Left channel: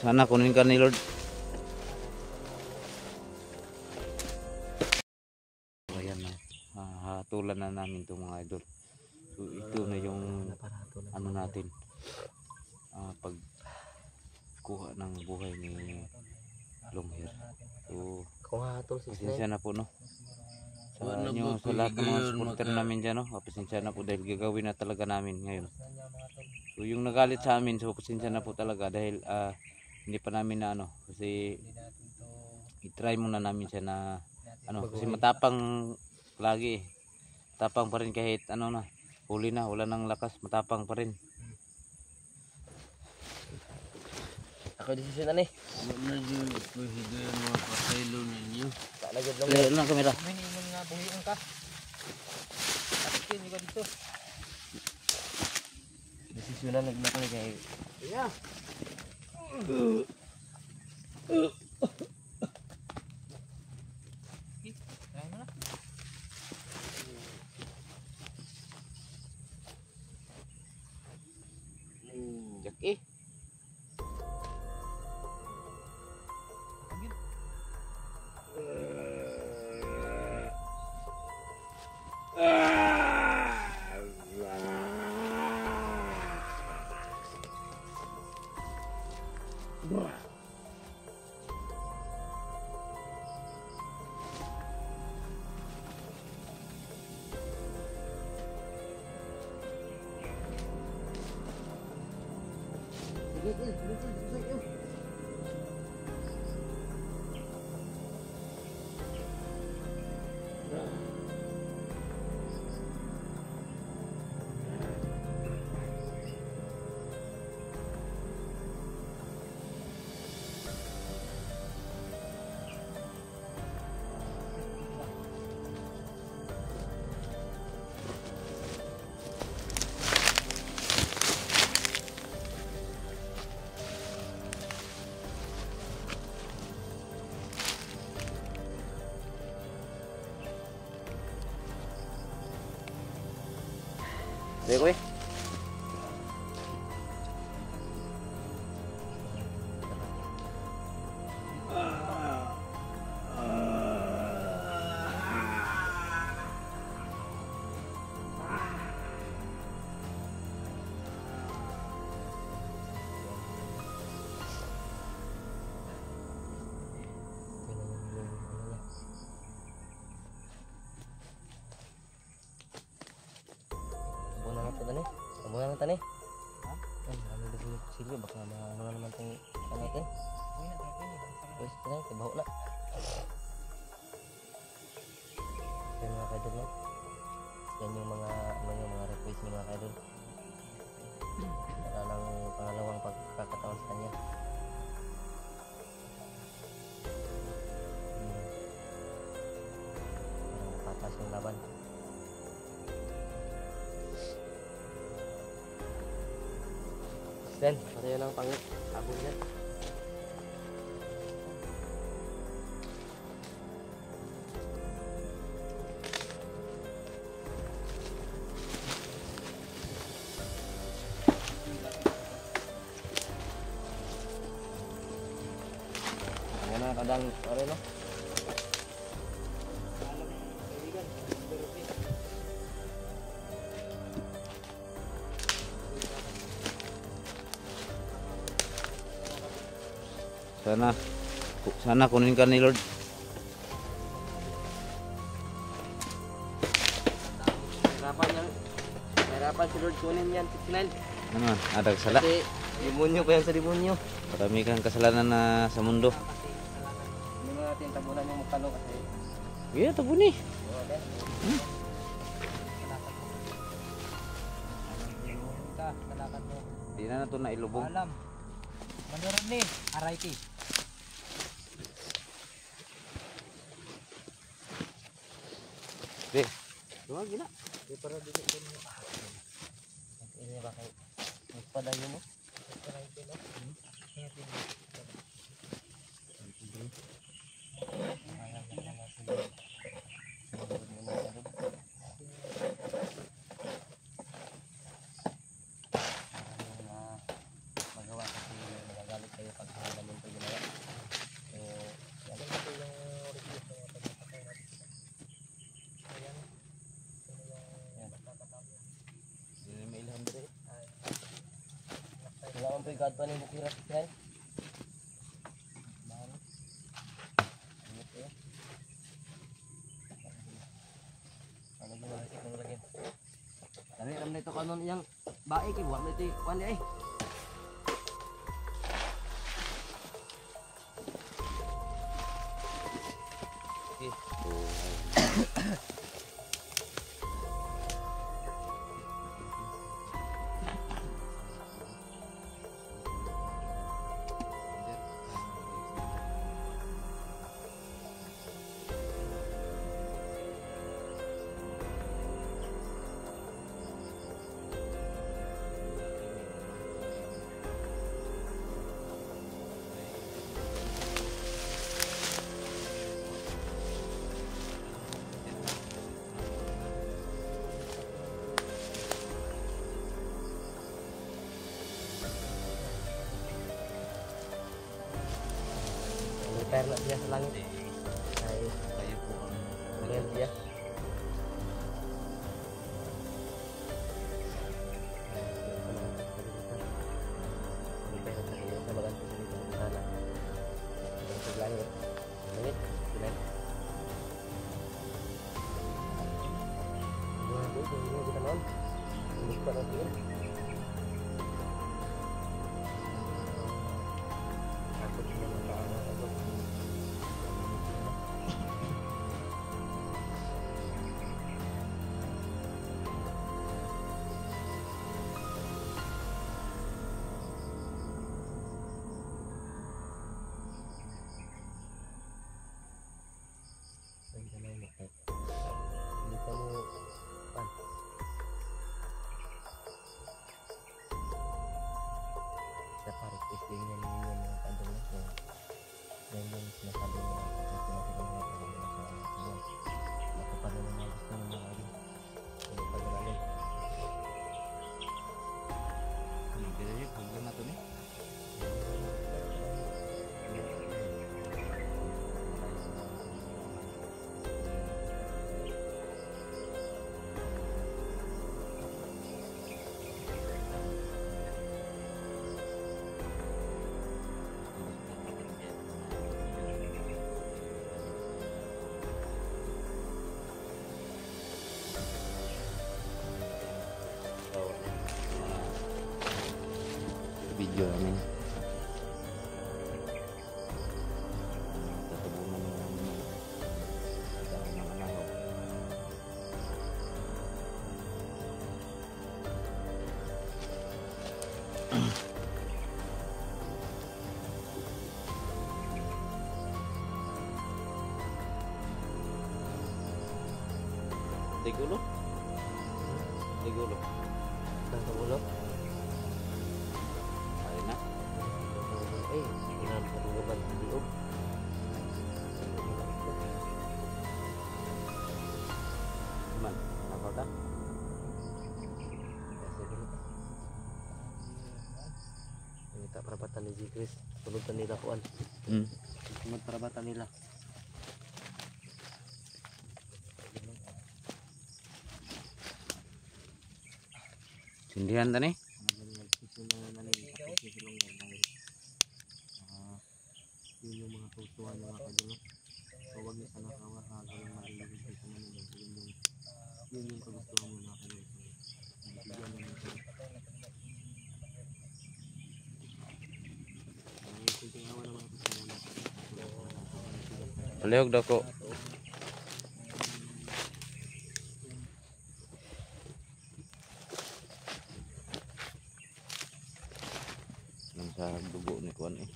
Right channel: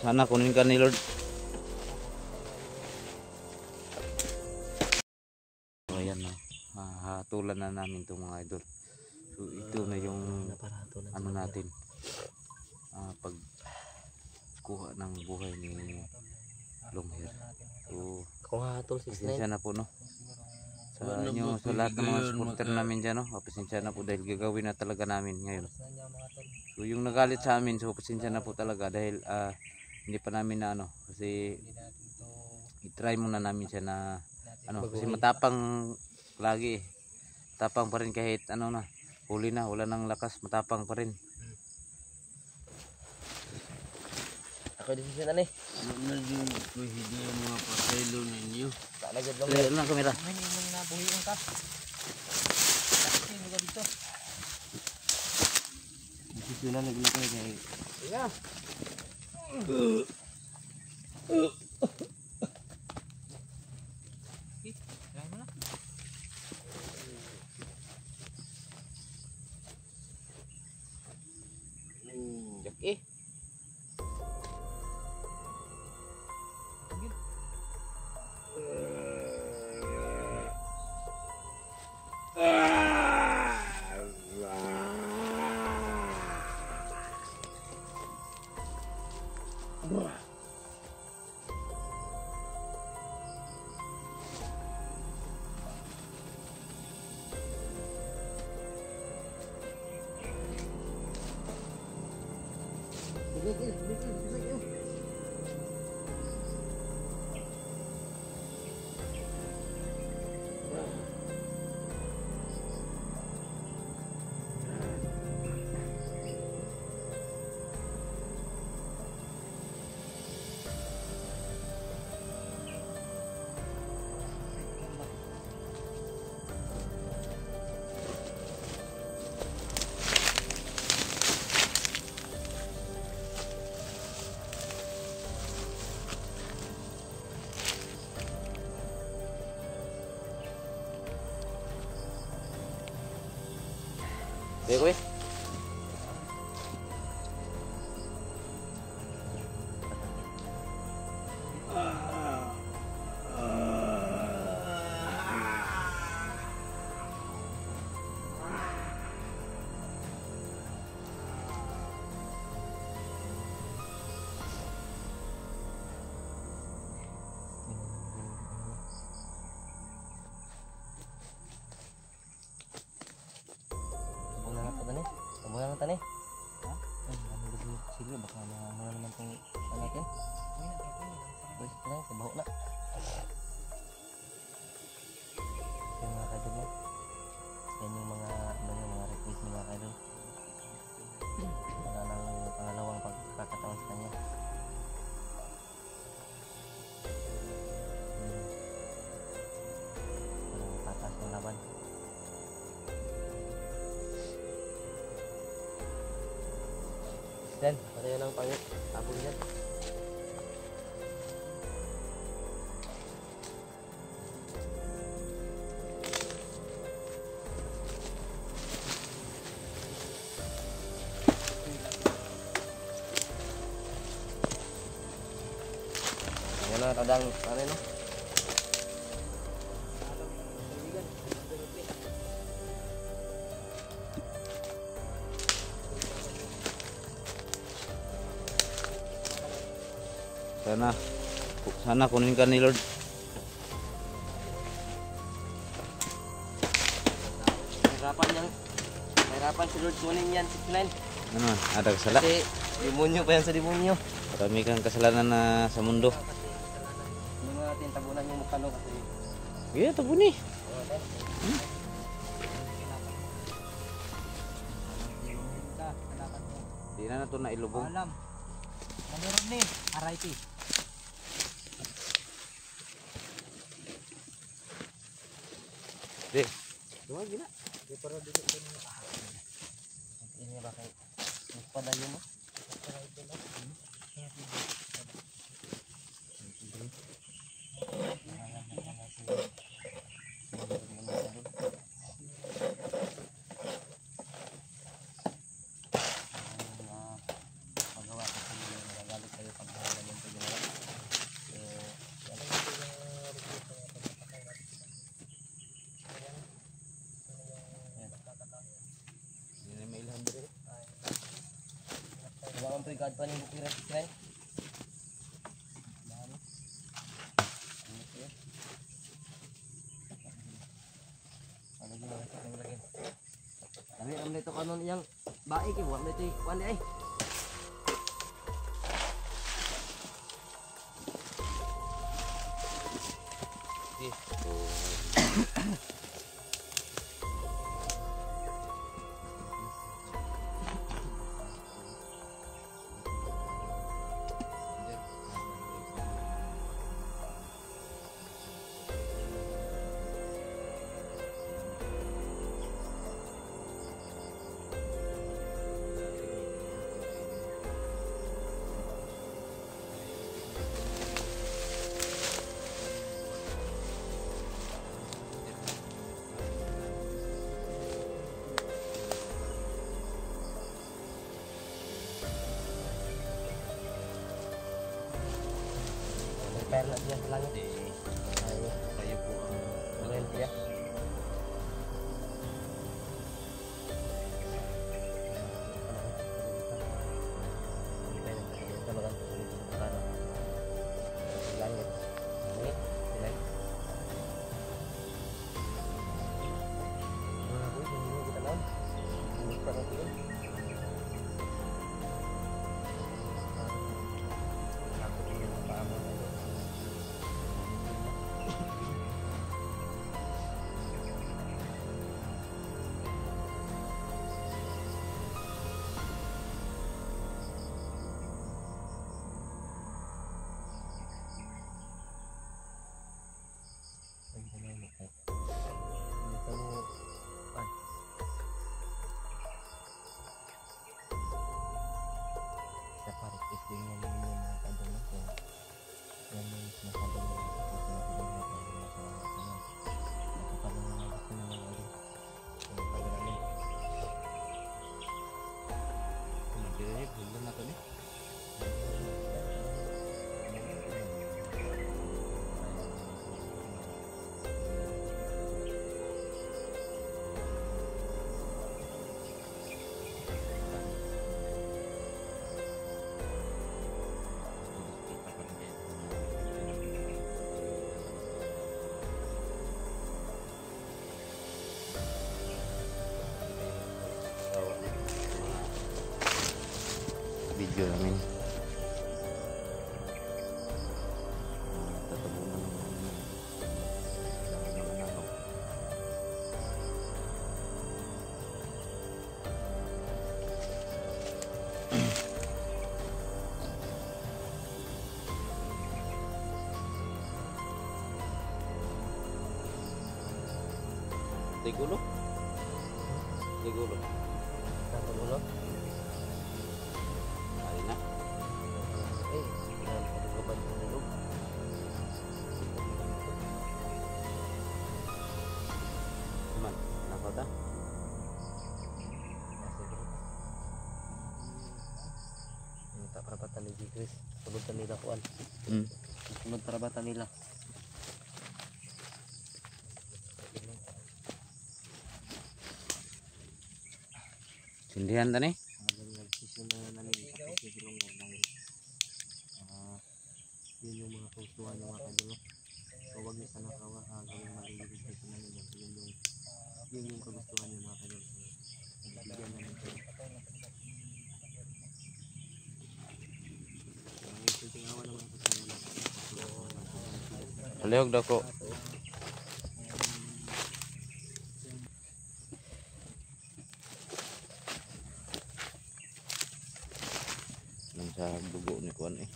Sana kunin ka ni Lord. Ayan na, hatulan na namin itong mga idol. So ito na yung ano natin, pag kuha ng buhay ni Longhair. So pasensya na po, no, sa inyo, sa lahat ng mga supporter namin dyan, no. Pasensya na po dahil gagawin na talaga namin ngayon. So yung nagalit sa amin, so pasensya na po talaga dahil hindi pa namin na ano, kasi i-try muna namin siya na ano, kasi matapang lagi, matapang pa rin kahit ano na, huli na, wala nang lakas, matapang pa rin. Ako desisyon na ni. Ano na din ko higayan mga pasaylo ninyo. Talagad lang. Meron lang kamera. Ano yung nabuhiin ka? Bakit hindi ka dito? Desisyon na naging ko kaya. Yeah. Eh. Sige, Kemudian tani. Ha? Ano ba sige baka maano naman tong natin. Wes tani kabaho na. Yan mga kaidol no. Yan yung mga request ni mga kaidol. Para ng pangalawang pagkakataon sa kanya. Patas yung laban. Dan, ito yun ang pang-abon yan. Ayan na, kadang, ano no? Sana kunin ka ni Lord. Hirapan si Lord kunin yan, 69. Ano man, ada kasala? Kasi demonyo pa yan sa demonyo. Marami kang kasalanan na sa mundo. Hindi mo natin tabunan yung mukha no kasi. Yeah, tabuni. Okay. Di na ito na ilubong. Alam. Meron ni, Araiti. Sige. Duwag gina. Di para dito din. Ini ba kay pada yun mo? Magawa kasi magagalit kayo pag ganito ginawa. So, yan ito yung review sa pagpapakay natin. Hindi na may ilhan dito. Wala man po yung pa ng bukira sa sila. Bahan. Ano po yun? Ano yun ang sa lagyan? Ano yun? Ano ito kanon yung baik eh? Ano ito yung kuwan eh? Perla dia selalu Kayo po ang keren dia. Bulan na to ni. Video namin tatabunan ng dahon ng anahaw. Tigulo? Tigulo. Tigulo? Ayun na. Tingnan kaluluban sa loob. Cuman, nakal ka? Minta perabatan ni Chris. Tulad pa nila kuan. Tulad perabatan nila. Sindihan tani? Yun yung mga putuan mga kadulo. So wag niyo sana kawa ganun malililig sa kanila. Yun yung kagustuhan niyo mga kadulo. Bigyan namin kayo. Kuntingawa naman ako sa mga Palihog daw ko. Nang sa dugo ni kuan eh.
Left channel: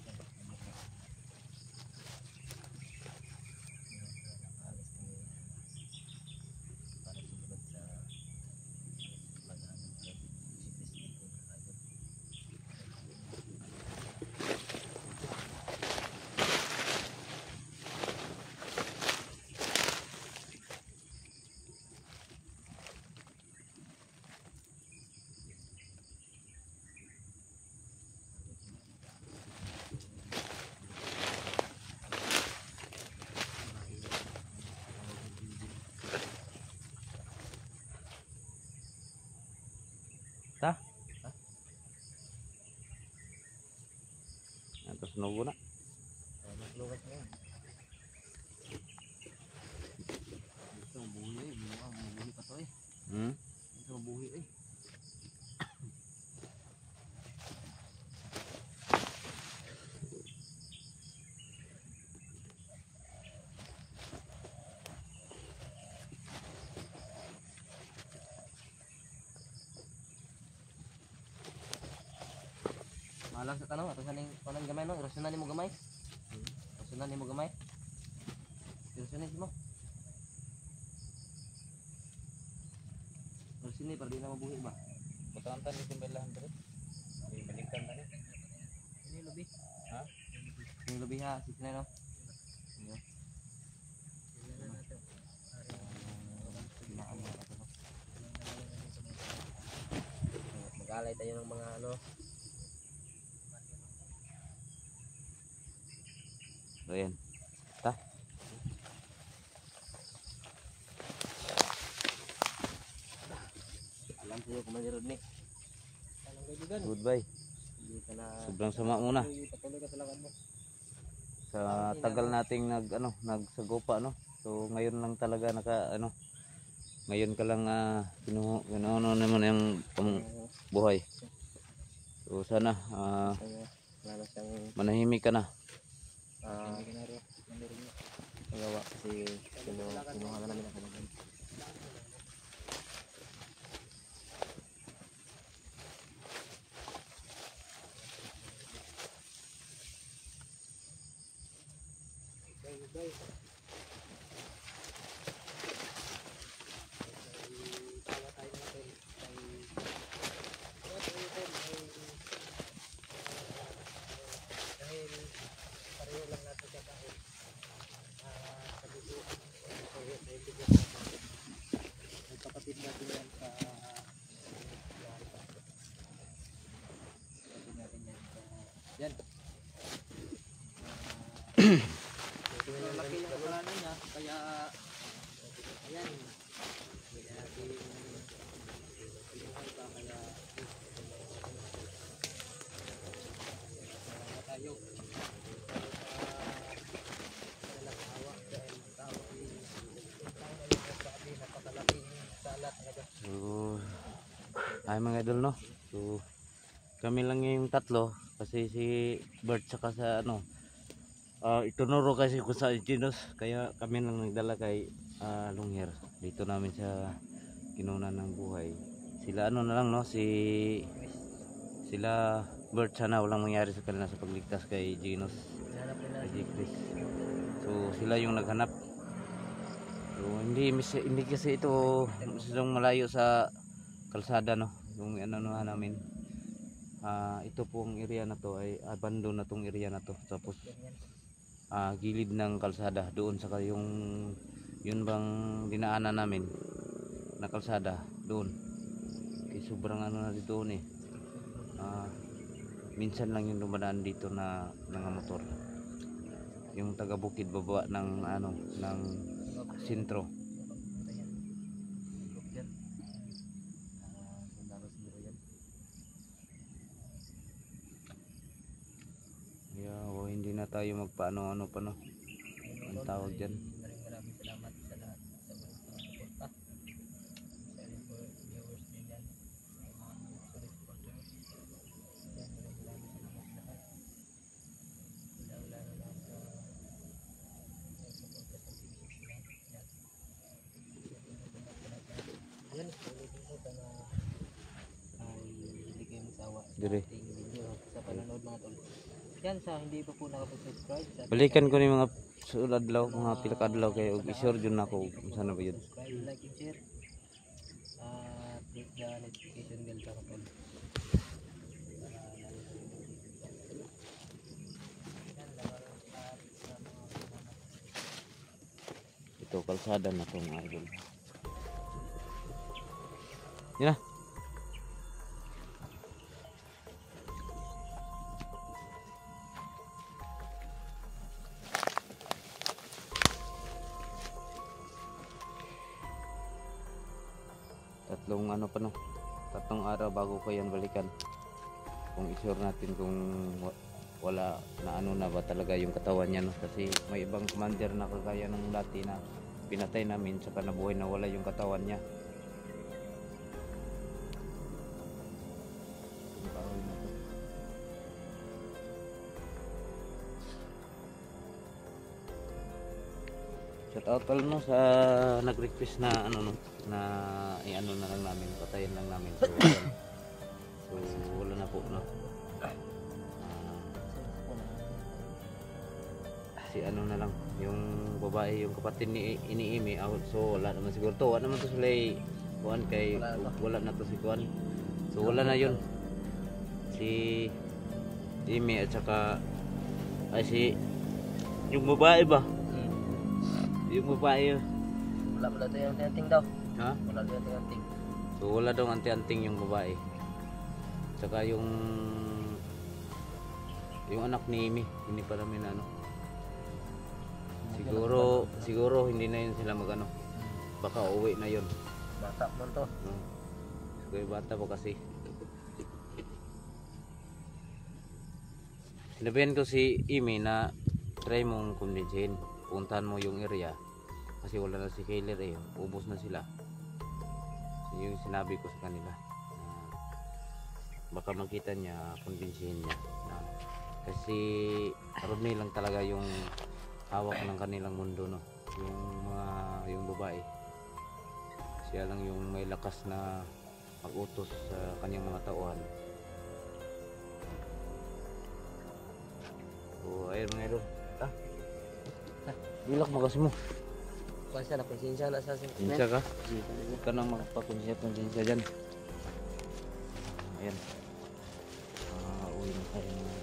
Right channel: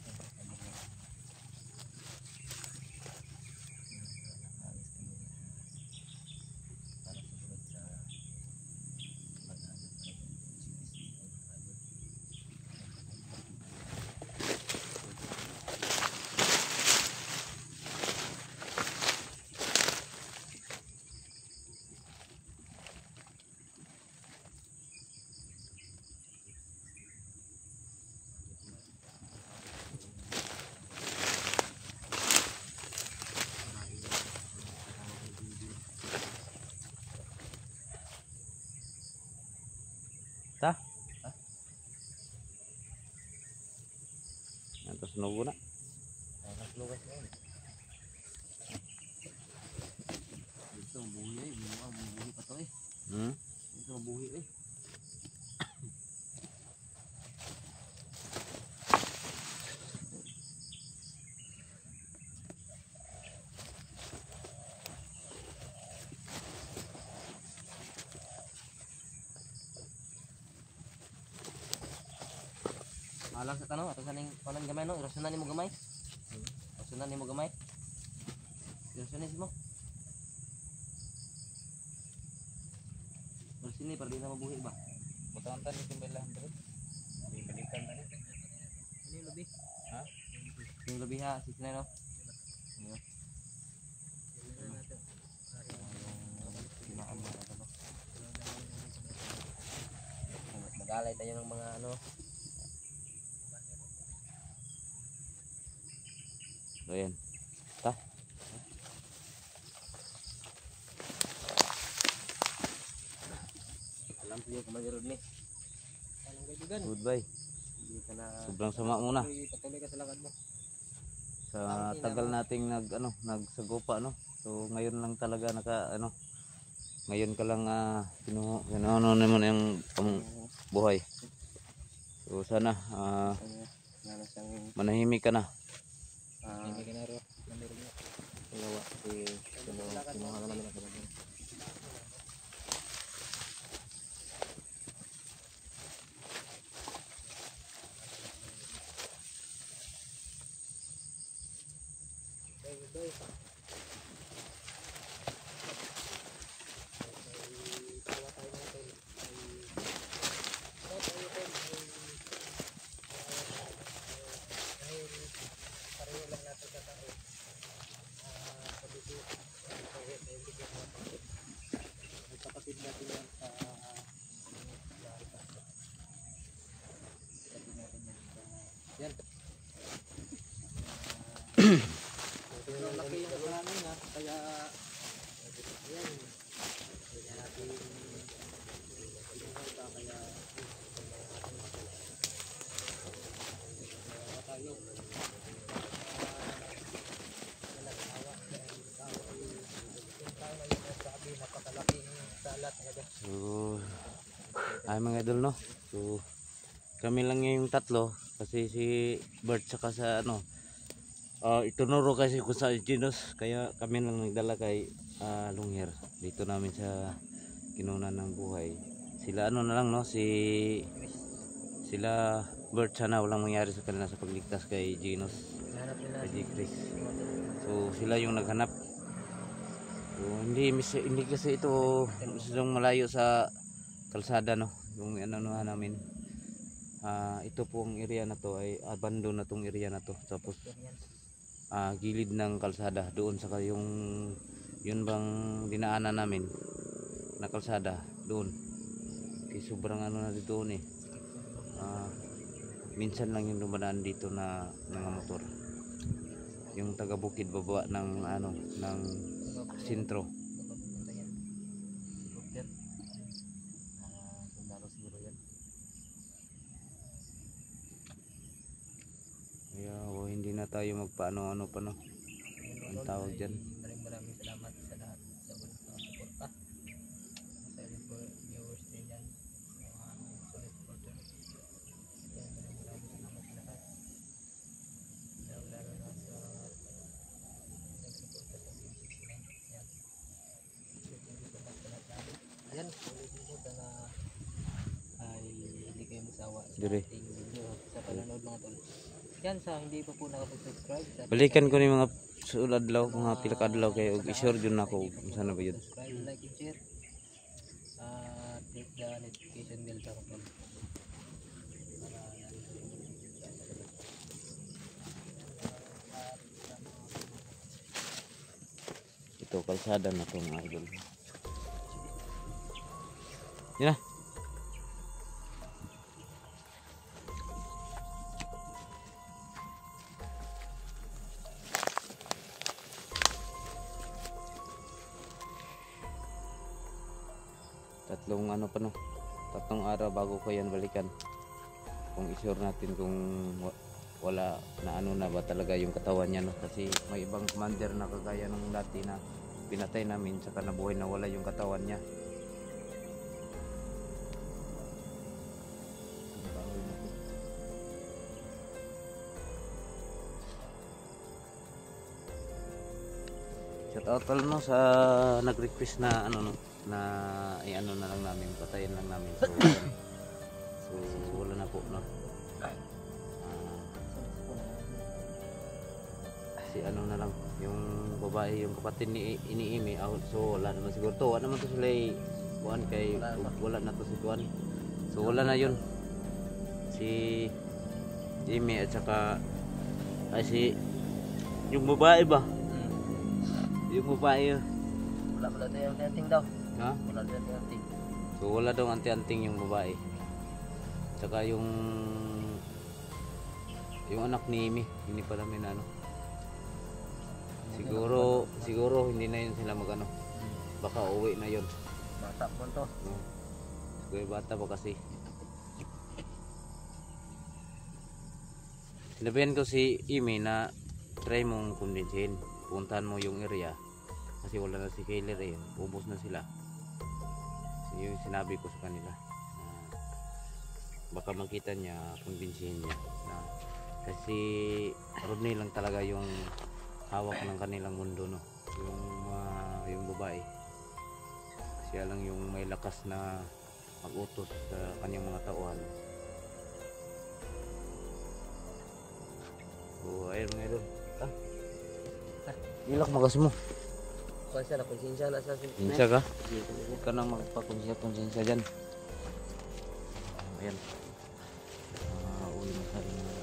sunugo na. Lugas na yun. Dito, mabuhi eh. Mabuhi pa to eh. Dito, mabuhi eh. Malang sa tanong, ato saning panang gamay no, irasunan ni mo gamay. Irasunan ni mo gamay. Irasunan mo. Irasunan para di na mabuhi ba? Butawan tani timbalan bro. Balikan tani. Ini lebih. Ha? Ini lebih ha, sisi na no. Iyo. Mag-alay tayo ng mga ano. So yan. Ta. Alam ko kung mayroon ni. Anong kaibigan? Goodbye. Hindi ka na Sobrang sama muna. patuloy ka sa lakad mo. Sa tagal nating nagsagopa no. So ngayon lang talaga ngayon ka lang ano naman yung buhay. So sana Lalo siyang manahimik ka na. hindi ka na rin. Namirin mo. Kaya kasi kinuha na namin ako naman. Kapatid natin yan sa kapatid natin yan sa yan. Laki ng kuranin na kaya ayan kaya natin pa kaya tayo So ay mga idol no. So kami lang yung tatlo kasi si Bert saka sa itunuro kasi kung sa Ginos kaya kami lang nagdala kay Lungher dito namin sa kinunan ng buhay. Sila na lang no sila Bert sana walang mangyari sa kanila sa pagligtas kay Ginos kay Chris. So sila yung naghanap. So hindi kasi ito masyadong malayo sa kalsada no yung namin. Ito pong area na to ay abandon na tong area na to tapos gilid ng kalsada doon sa yung yun bang dinaanan namin na kalsada doon kasi sobrang na dito eh minsan lang yung dumadaan dito na mga motor yung taga bukid baba ng ng sentro. Hindi na tayo magpaano pa no ang tawag dyan. Maraming salamat sa lahat sa mga suporta sa viewers din yan mga supporter. Maraming salamat sa lahat lalo na sa suporta sa video yan ulitin ko na ay hindi kayo masawa sa ating video sa panonood mga tol. Yan sa hindi pa po nakapag-subscribe. Balikan ko ni mga suladlaw mga pila ka adlaw kay og i-share jud nako sana ba yun. Subscribe, like and share. Click the notification bell para po. Ito kalsada na to mga idol. Yan na. Tatlong araw bago ko yan balikan kung i-sure natin kung wala na ano na ba talaga yung katawan niya, no? Kasi may ibang commander na kagaya nung dati na pinatay namin saka nabuhay na wala yung katawan niya. Yung kahoy na to. Shout out pala no sa nag-request na ano no na i-ano na lang namin, patayin lang namin. So ayan. So wala na po no. Si ano na lang yung babae, yung kapatid ni Iniimi out, so wala naman siguro to, wala naman to sila kuan kay wala na to si kuan, so wala na yun si Imi at saka ay si yung babae ba, yung babae Wala tayo yung tenting daw. ha, Wala tayo yung tenting. so wala daw anti-anting yung babae, saka yung anak ni Imi hindi pa namin ano. Siguro hindi na yun sila magano. Baka uwi na yun. Bata mo to. No. Siguro bata pa kasi. Sinabihan ko si Imi na try mong kumbinsihin. Puntahan mo yung area. Kasi wala na si Kayler eh. Ubos na sila. So, yung sinabi ko sa kanila. Baka makita niya, kumbinsihin niya. Na, kasi Rodney lang talaga yung hawak ng kanilang mundo, no, yung babae, siya lang yung may lakas na mag-utos sa kanyang mga tauhan. So ayun mga idol, ilak magas mo, Kasi na konsensya na sa konsensya ka, huwag ka nang magpakonsensya dyan. Ayan, uwi na tayo.